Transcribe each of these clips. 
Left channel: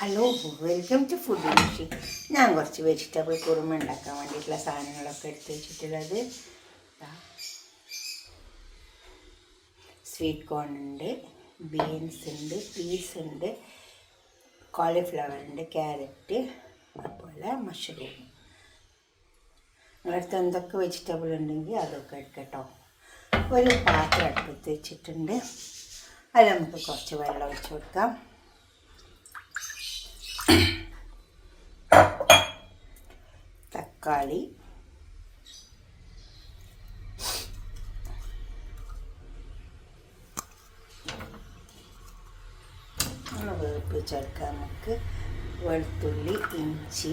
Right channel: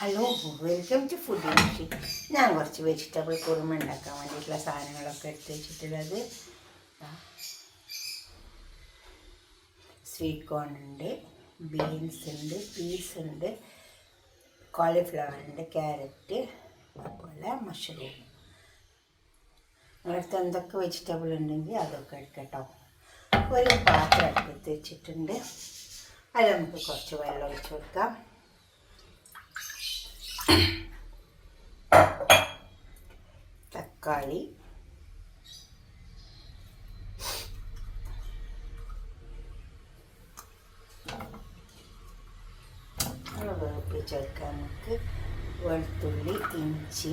Hello, welcome to food രുചി. ഞാൻ കുറച്ച് വെജിറ്റബിൾ കുറുമ ഉണ്ടാക്കാൻ വേണ്ടിയിട്ടുള്ള സാധനങ്ങളൊക്കെ എടുത്ത് വെച്ചിട്ടുള്ളത്. സ്വീറ്റ് കോൺ ഉണ്ട്, ബീൻസ് ഉണ്ട്, പീസ് ഉണ്ട്, കോളിഫ്ലവർ ഉണ്ട്, ക്യാരറ്റ്, അതുപോലെ മഷ്റൂം. നിങ്ങളടുത്ത് എന്തൊക്കെ വെജിറ്റബിൾ ഉണ്ടെങ്കിൽ അതൊക്കെ എടുക്കട്ടോ. ഒരു പാത്രം എടുത്ത് വെച്ചിട്ടുണ്ട്. അതിൽ നമുക്ക് കുറച്ച് വെള്ളം ഒഴിച്ച് കൊടുക്കാം. തക്കാളി, വേപ്പ് ചേർക്കാം. നമുക്ക് വെളുത്തുള്ളി, ഇഞ്ചി.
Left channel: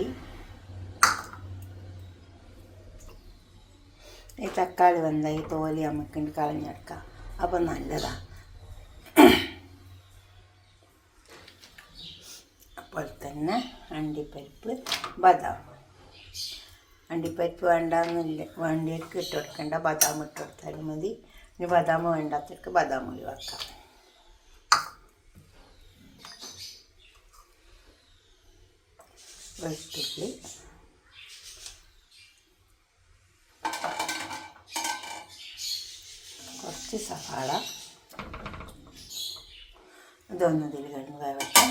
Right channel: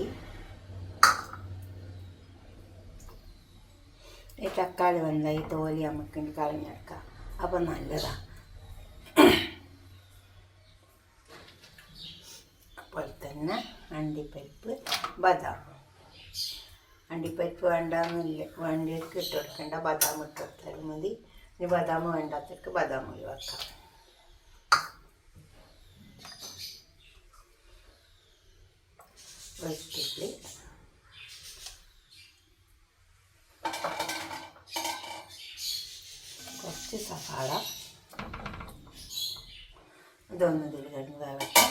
ഈ തക്കാളി വന്ന ഈ തോലി നമുക്ക് കളഞ്ഞെടുക്കാം, അപ്പം നല്ലതാണ്. അപ്പോൾ തന്നെ അണ്ടിപ്പരിപ്പ്, ബദാം. അണ്ടിപ്പരിപ്പ് വേണ്ടിയവർക്ക് ഇട്ട് കൊടുക്കേണ്ട, ബദാം ഇട്ട് കൊടുത്താലും മതി. ഇനി ബദാം വേണ്ടാത്തവർക്ക് ബദാം ഒഴിവാക്കാം. വെളുത്തുള്ളി, കുറച്ച് സവാള, ഇതൊന്ന് ഇതിൽ കഴിഞ്ഞ് വേവട്ടെ.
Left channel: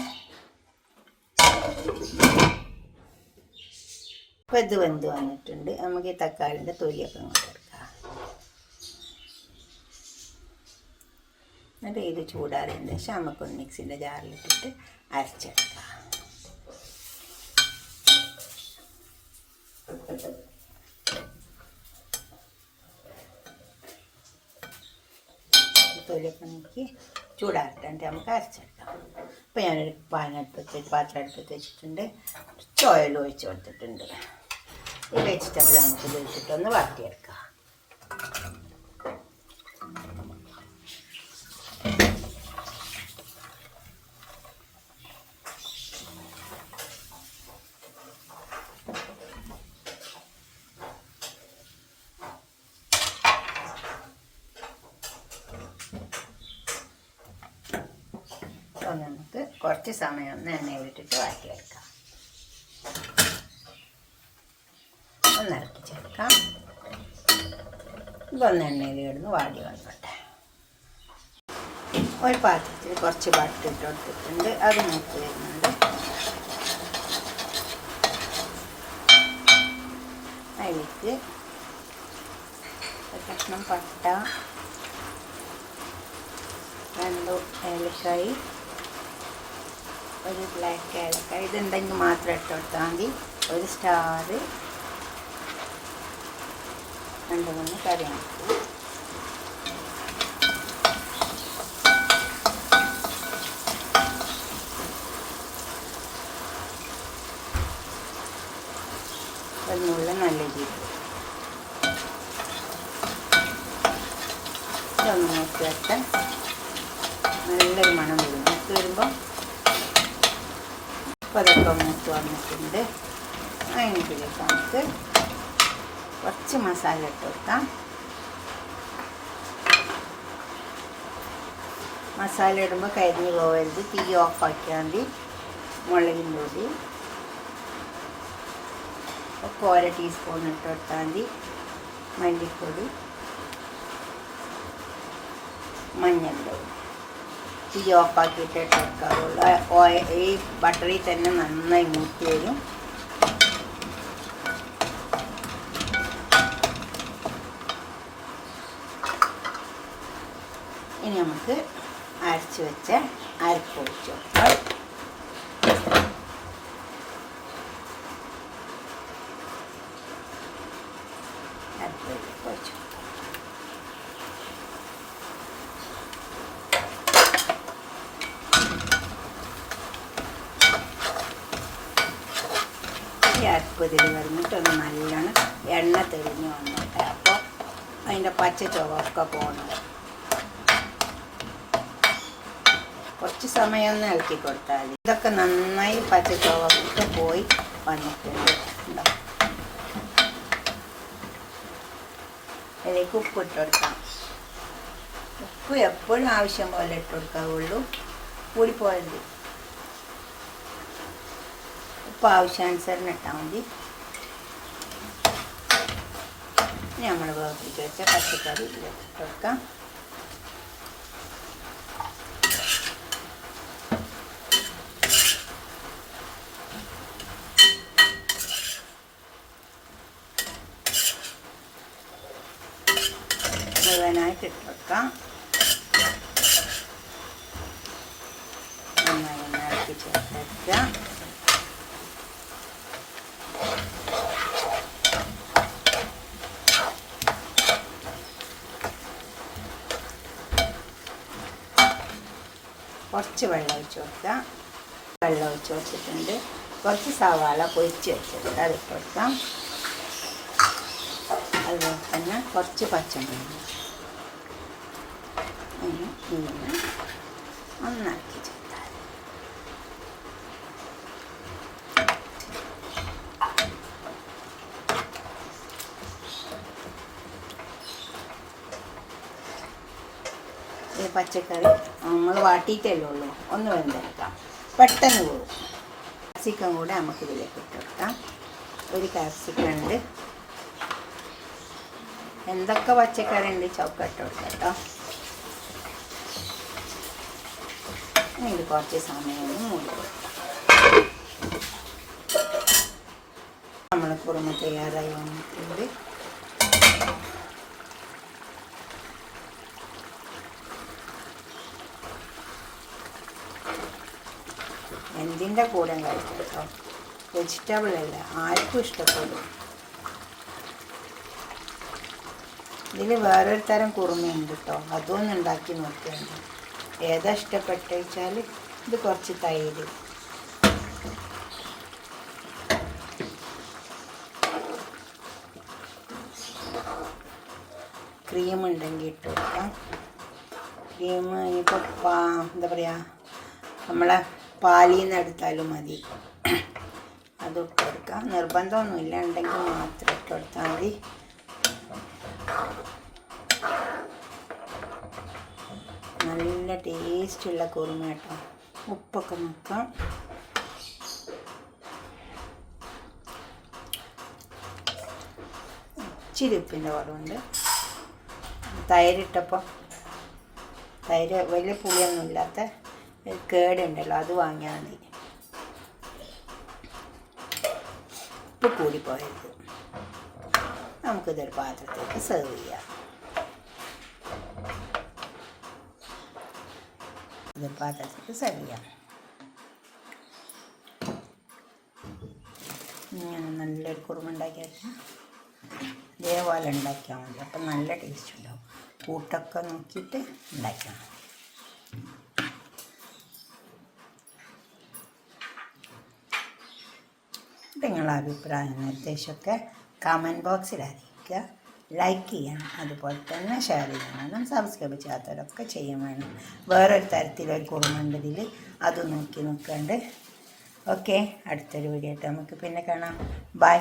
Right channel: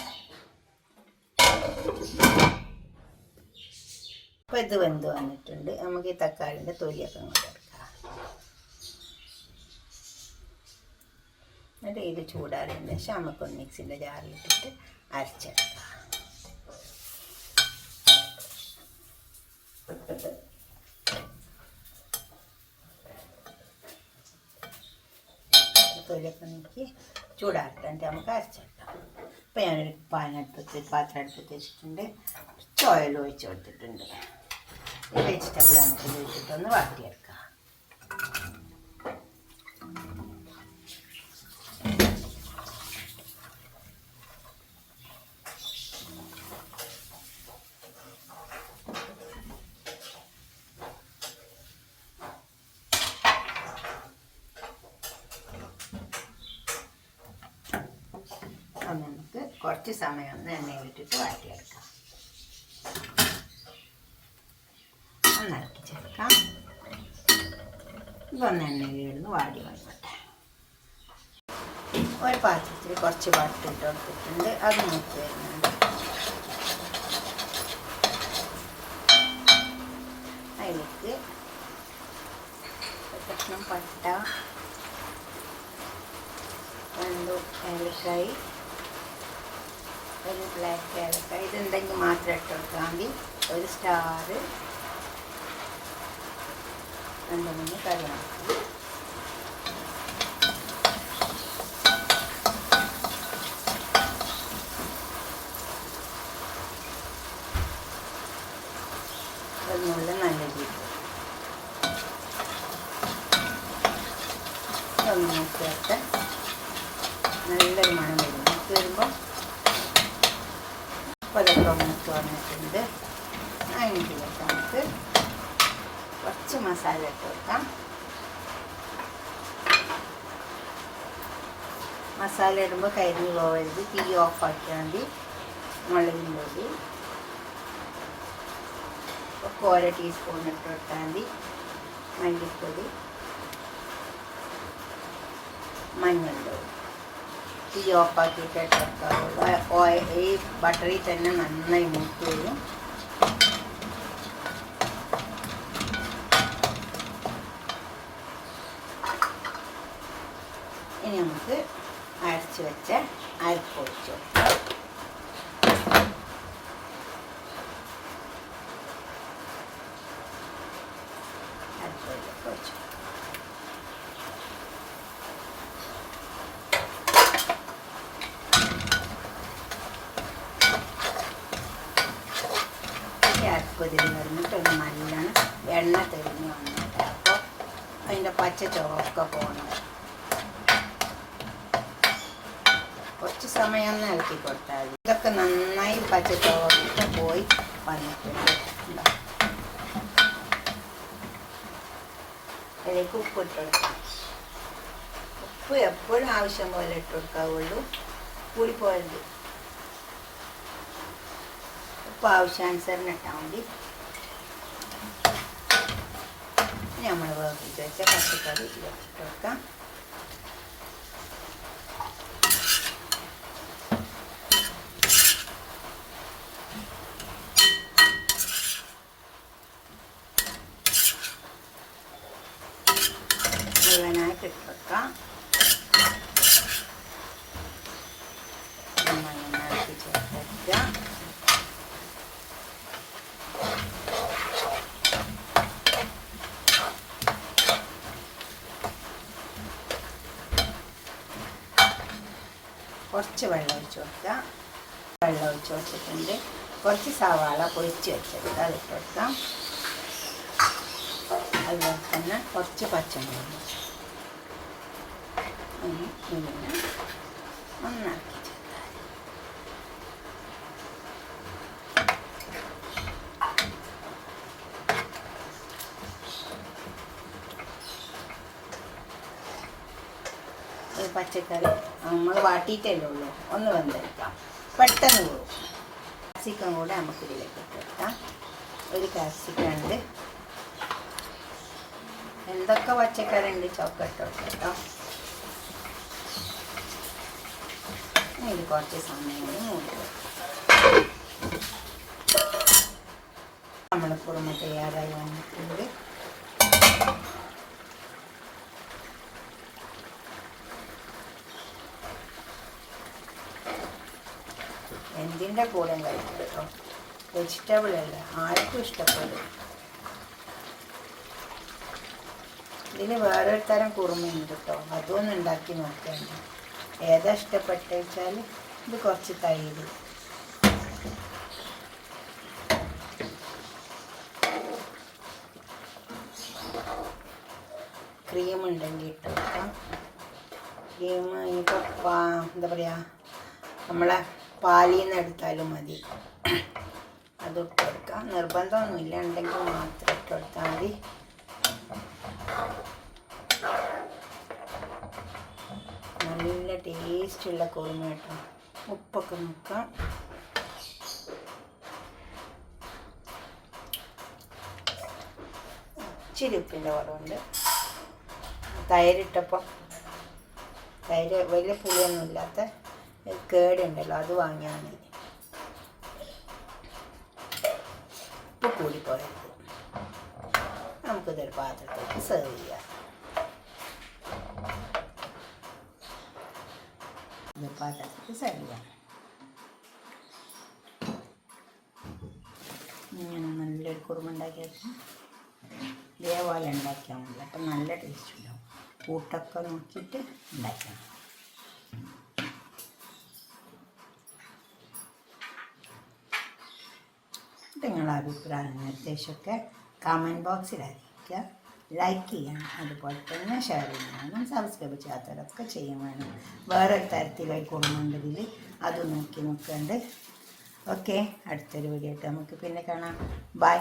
അപ്പോൾ ഇത് വെന്ത് വന്നിട്ടുണ്ട്. നമുക്ക് ഈ തക്കാളിൻ്റെ തൊലിയൊക്കെ ഇങ്ങോട്ട് എടുക്കാം. എന്നിട്ട് ഇത് ചൂടാറിയതിന് ശേഷം നമുക്കൊന്ന് മിക്സിൻ്റെ ജാറിലിട്ടിട്ട് അരച്ചെടുക്കാം. തൊലിയൊക്കെ നോക്കി ചൂടാറിട്ട് നമുക്ക് അരച്ചെടുക്കാം. അപ്പോൾ ഞാനൊരു പാത്രം അടുപ്പത്ത് വെച്ചിട്ടുണ്ട്. കുറച്ച് ഓയിൽ ഒഴിച്ച് കൊടുത്തിട്ടുണ്ട്. ഈ വെജിറ്റബിൾ നമുക്ക് വെച്ചിട്ടൊന്ന് വാട്ടിയെടുക്കാം. നമുക്ക് കുറച്ച് സമയം ഒന്ന് എണ്ണയിലിട്ടിട്ട് വാട്ടിയെടുക്കാം. ഒന്ന് ഇറക്കി ചേർക്കാം. ഇതൊന്ന് എണ്ണയിൽ കിടന്ന് വാടി വന്നോട്ടെ. ഒരു പാത്രത്തിൽ കുറച്ച് ബട്ടർ ഇട്ട് കൊടുത്തിട്ടുണ്ട്. അത് നോക്കി വരുന്നുണ്ട്. അതിലേക്ക് ഒരു കഷ്ണം പട്ട, 2 ഏലക്കായി, ഒരു ബ്ലാക്ക് ഏലക്കായ, ഇതുണ്ടെങ്കിൽ മാത്രം ഇട്ട് കൊടുത്താൽ മതി. ഒരു സ്റ്റാർ, 2-3 കറിവേപ്പില. ഒന്നുള്ള നല്ല ജീരകം. ഇതൊന്ന് നോക്കി വെച്ചാൽ നല്ലൊരു മണം വരും. നോക്കി വരുമ്പോൾ അതൊക്കെ മൂത്ത് വന്നിട്ടുണ്ട്. അതിനകത്തിലേക്ക് നമുക്ക് കുറച്ച് മസാല ഇട്ട് വെക്കാം. മസാല ഇടുമ്പോൾ കരിഞ്ഞ് പോകരുത്. തീ ഓഫാക്കിയാൽ മതി. മുളകിൻ പൊടി 1 ടീസ്പൂൺ ഇട്ട് കൊടുത്താൽ മതി. മല്ലിപ്പൊടി, മഞ്ഞൾപ്പൊടി. തീ ഓഫാക്കിയിട്ട് ഇട്ട് കൊടുക്കാറുള്ളൂ. ഈ ബട്ടറിൽ തന്നെ നന്നായി മൂത്ത് വരും. ഇനി നമുക്ക് അരച്ച് വെച്ച അരപ്പ് ഒഴിച്ച് കൊടുക്കാം. അരപ്പിലേക്ക് ഒഴിച്ചു. അരപ്പതിൽ വരുന്നിട്ട് ഒന്ന് നല്ലോണം എണ്ണ തെളിഞ്ഞ് വന്നിട്ട് അപ്പോൾ അതിൻ്റെ പച്ച ചുവക്കെ പോകണം. കുറച്ച് സമയം ഒന്ന് ഇളക്കി കൊടുത്താൽ മതി. ഇതൊക്കെ നന്നായി പച്ച ചുവക്കെ പോയി വന്നിട്ടുണ്ട്. അതിലേക്ക് ഉപ്പ് ഇട്ട് കൊടുക്കാം. ഉപ്പ് എപ്പോഴും ആവശ്യം പോലെ ഇട്ട് കൊടുക്കാവുള്ളൂ, കൂടിപ്പോയത്. ഉപ്പ് ആവശ്യാനുസരണം ഇട്ടാൽ മതി. ഇനി നമ്മൾ വേവിച്ച് വെച്ച പച്ചക്കറി ഇതിലേക്ക് വെക്കാം. മുഴുവനായിട്ട് ഇട്ട് വെക്കാം. നന്നായി ചേർത്ത് വയ്ക്കാം. കുറച്ച് വെള്ളം ഒഴിച്ച് വെക്കാം. വെള്ളം ഒഴിച്ച് വെച്ചിട്ടുണ്ട്. കുറച്ച് സവാള പൊരിച്ച് വെച്ചിട്ടുണ്ട്, അതിട്ട് വെക്കാം. അതുപോലെ തന്നെ കുറച്ച് പച്ചമുളക് ഇതിന് ഒന്നാക്കി ചേർത്താൽ ഈ പച്ചക്കറി നമ്മൾ വാട്ടിയിട്ടല്ലേ ഉള്ളൂ, ഒന്ന് വെന്തെടുക്കാം, പെട്ടെന്ന് പോകും. കാപ്സിക്കം കൂടെ നമുക്ക് ഇതിലേക്ക് ഇട്ട് വെക്കാം. ഒരു കാപ്സിക്കം ഉണ്ട്. എന്തൊക്കെ പച്ചക്കറി ഉണ്ട് ചൊക്കെ ഇട്ട് വെക്കാം കേട്ടോ. ഇത് കുറച്ച് സമയം നോക്കുക. നമ്മൾ കുറുമ തയ്യാറായി വന്നിട്ടുണ്ട്. എന്തിൻ്റെ കൂടെ കഴിക്കും കേട്ടോ, വെജിറ്റബിൾ അല്ല, ആർക്കും ഇഷ്ടപ്പെടും. ഇതിൽ വേറൊരു തരം കുറുമയുണ്ട് കേട്ടോ, അതൊന്നും ഉണ്ടാക്കി നോക്കിയാണ്. ഏതാ ഇഷ്ടപ്പെട്ടു വെച്ചാൽ ഇത് കുറച്ച് തൈര്, ക്രീം ഉണ്ടെങ്കിൽ ഇട്ട് വെക്കാം. ക്രീം ഇപ്പോൾ എന്താ പറയുക, നമ്മളെ പാലിൽ നിന്ന് എടുത്താലും മതി, അതിട്ട് കൊടുക്കാം. നിർബന്ധമൊന്നുമില്ല, ഉണ്ടെങ്കിൽ മാത്രം ഇട്ട് കൊടുത്താൽ മതി. നല്ല ടേസ്റ്റുള്ള കുറുമ കേട്ടോ. ഉപ്പൊക്കെ നോക്കാം. ഇച്ചിരി ഉപ്പിൻ്റെ കുറവുണ്ട്. തൈരിട്ടപ്പോൾ തൈര് വലിയ പുളിയൊന്നും ഇല്ലാത്ത കേടുണ്ടല്ലോ, അത് വാങ്ങിയാൽ മതി. ഉപ്പ് കൂടിപ്പോയത്. നമുക്കിതൊരു പാത്രത്തേക്ക് സെർവ് ചെയ്യാം. ഇത് പാത്രത്തേക്ക് സെർവ് ചെയ്യാം. ഇങ്ങനെ നല്ലൊരു കുറുമ ഉണ്ടാക്കിയിട്ട് ഇതേപോലെ ഉണ്ടാക്കിയാൽ മതി. അപ്പം നല്ല ടേസ്റ്റ് ഉണ്ടാവും. കൂട്ടൊക്കെ നോക്കിയിട്ട് ഉണ്ടാക്കിയാൽ മതി. നിങ്ങളുടെ അഭിപ്രായം നിർദ്ദേശമൊക്കെ കമൻറ്റ് ബോക്സിൽ അറിയിക്കുക. ലൈക്ക് ചെയ്യണം, അതുപോലെ തന്നെ ഷെയർ ചെയ്യണം, സബ്സ്ക്രൈബ് ചെയ്യാത്തവരൊക്കെ ചെയ്യാൻ വേണം. വേറൊരു തരത്തിലൊരു കുറുമുണ്ടതിൽ അത് നോക്കി നോക്കണ്ട്. ഓക്കെ, അടുത്തൊരു വീഡിയോ ആയിട്ട് നമുക്ക് പിന്നെ കാണാം. ബൈ.